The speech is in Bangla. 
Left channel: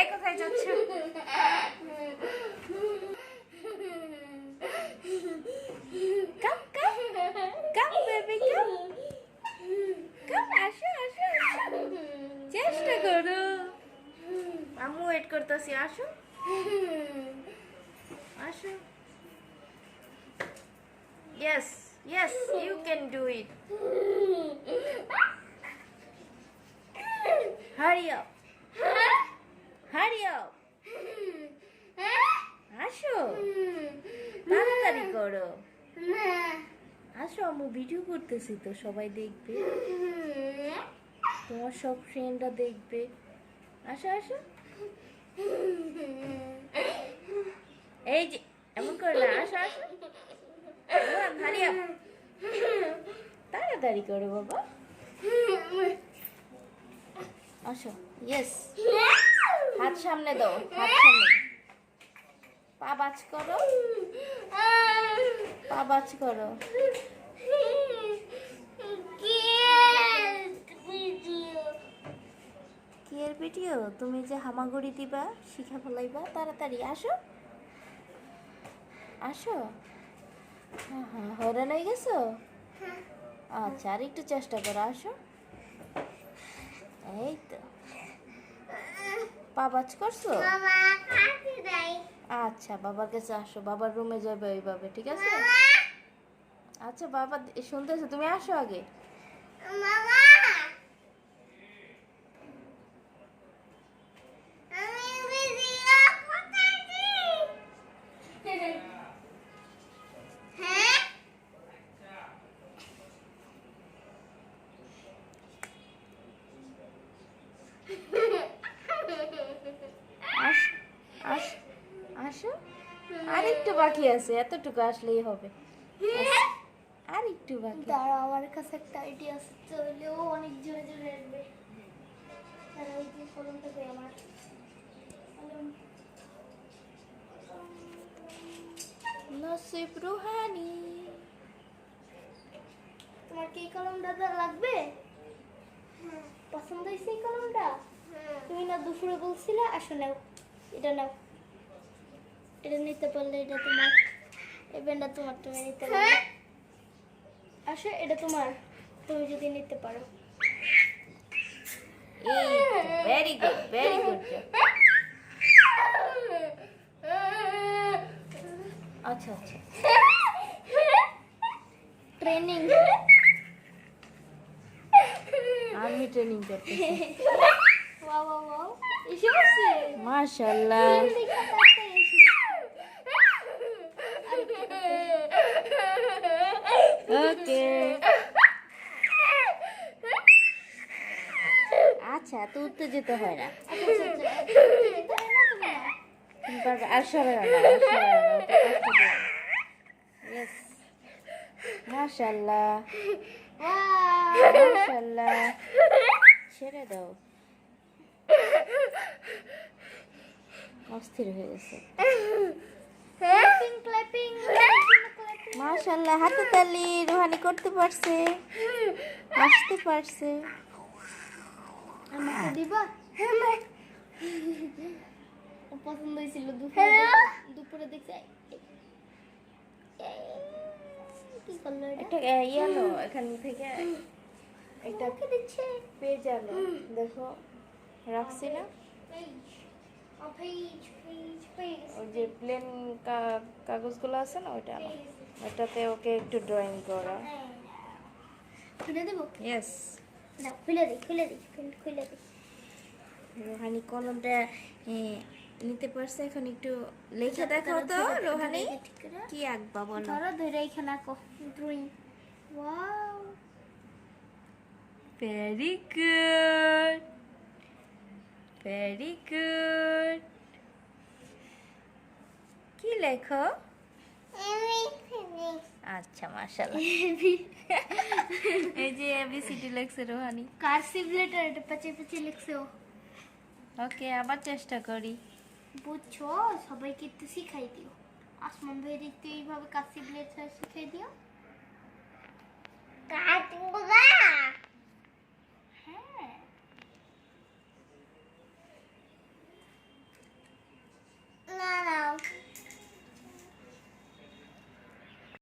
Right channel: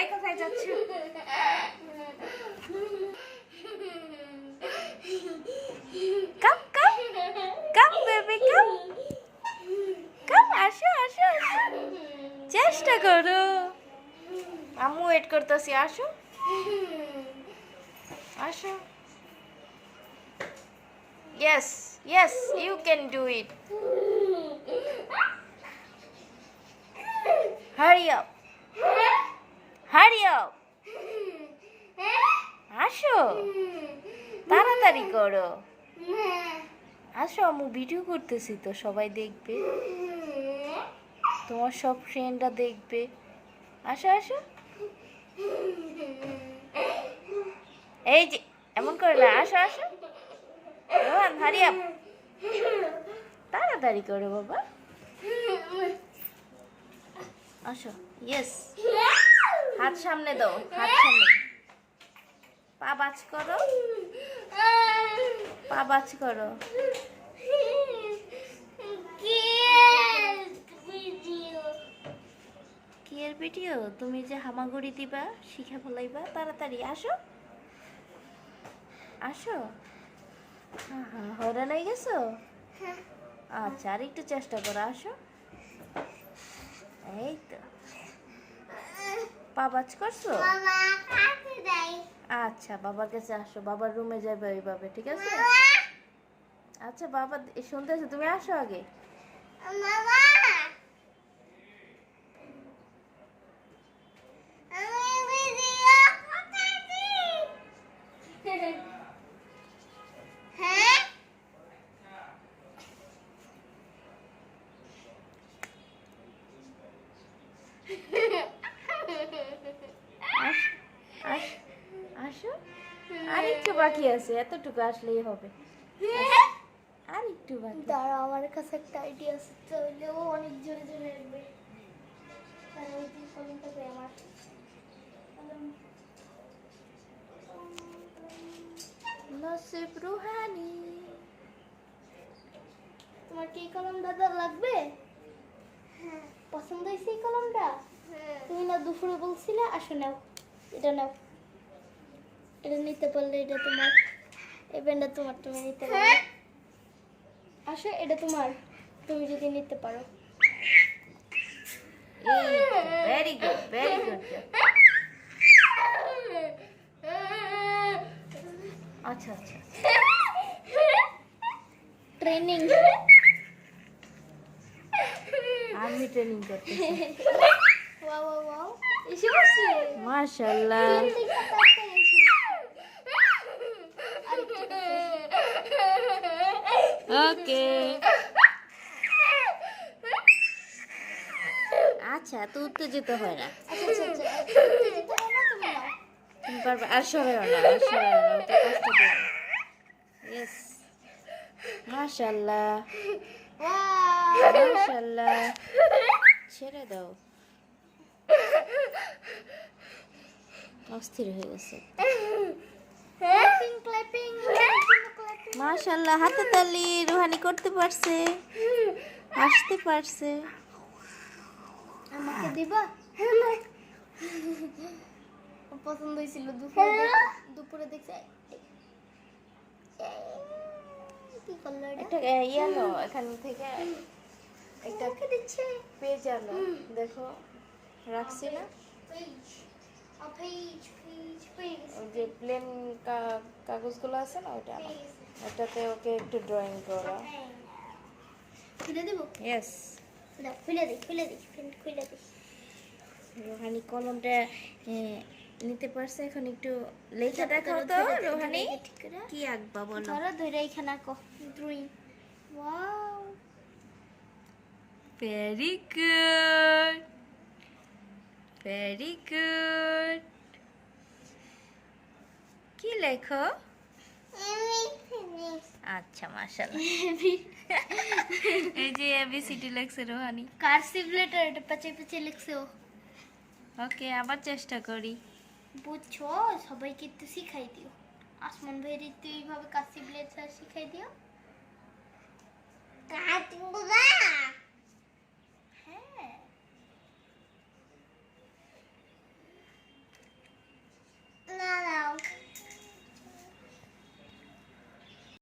এই কোথায় যাচ্ছ? কাম কাম কাম বেবি কাম কাম, আসো আসো আসো, চেষ্টা করো, আম্মু ওয়েট করতেছি, আসো আসো। Yes, yes, you can do it. Hurry up. Hurry up. আসো, তাড়াতাড়ি করো, আসো, আমি ভিডিও করতেছি তো, সবাই দেখবে, তোমার সব ফ্রেন্ডরা দেখবে, আসো আসো। এই যে এমন করে না, আসো আসো, রোহান হারি আপ, তাড়াতাড়ি করো বাবা, আসো। ইয়েস, হাত সামনে দাও, হাত সামনে, পা বাজ করো, পা বাজ করো। কি এর ভিডিও? তুমি যে হামাগুড়ি দিবা, শিখা ফলাইবা, তাড়াতাড়ি আসো আসো। হ্যাঁ হ্যাঁ, হয়রান হয়ে গেছো? আচ্ছা, আর একটু চেষ্টা করো, আসো। এই তো, পা বাজ করছো? আচ্ছা, বাবার কাছে আসো, বাবার রুমে যাবে ওইভাবে, ঠিক আছে? আচ্ছা বাবা শুনতেছো, তুমি আসো আগে। আসো আসো আসো, আর একটু বাকি আছে, এতটুকু আসলেই হবে, আর একটু বাকি। দাঁড়া, আমার কাছে একটা আইডিয়া আছে, চলেও অনেক জোরে জোরে আসবে। আর ওই যে কলমটাকে আমার নসিব রুহানি। তোমার কি কলমটা লাগবে? পছন্দ হয়েছে এই কলমটা? তুমি না দুপুরে বলছিলে, আসো নাও, এটা নাও, এটা নিতে পারলে এটা তোমার, এই পেনটা তোমার, তুমি নিতে পারো। আসো, এটা তোমার, তুমি যদি নিতে পারো। Very good, very good. আচ্ছা আচ্ছা, ট্রেনিং, আমি ট্রেনিং করতেছি। ওয়াও ওয়াও ওয়াও, এসে বসে মাশাআল্লাহ। ওকে, আচ্ছা, তো উত্তেজিত হয় না, তুমি পারবে। আর সরে না, আর সরে না, ওটা কষ্ট দেবে। ইয়েস, মাশাআল্লাহ মাশাআল্লাহ, ছেড়ে দাও, অস্থির হয়ে গেছে। ক্ল্যাপিং, মাশাআল্লাহ, হাতে তালি, রুহানি করতে পারছে, হাসতে পারছে। আমাকে দিবা? পছন্দ হয়েছিল, দুপুরে দেখছে। কি করলো এটা? একটা ইয়ালো এখান থেকে একটা দিচ্ছে পেজ আলো, দেখো রাখছি না, ওই যে প্লেন কাগজগুলো আছে না, ওইটা আনো, ওটাতে ওকে একটু ড্রয়িং করা। খুলে দেবো? ইয়েস, দাও, খুলে দিই, খুলে দিই, খুলে দিই। রোহানি কলমটা নিতে পারছে, এখন একটু লেখা দেখাও তো রোহানি, কি আঁকবা বলো? ধরো, ধরে এখানে আঁকো, drawing. Wow, very good, very good. কি লেখো? আচ্ছা, মাশাআল্লাহ। এই যে এবিসিডি লেখছে রোহানি, কার্সিভ লেটার, এটা পাঁচে পাঁচে লিখছো। ওকে, আবার চেষ্টা করি। বুঝছো, সবাইকে একটু শিখাই দিও। আসমান ভাইয়ের একটু এইভাবে কার্সিভ লেটার শিখাই দিও।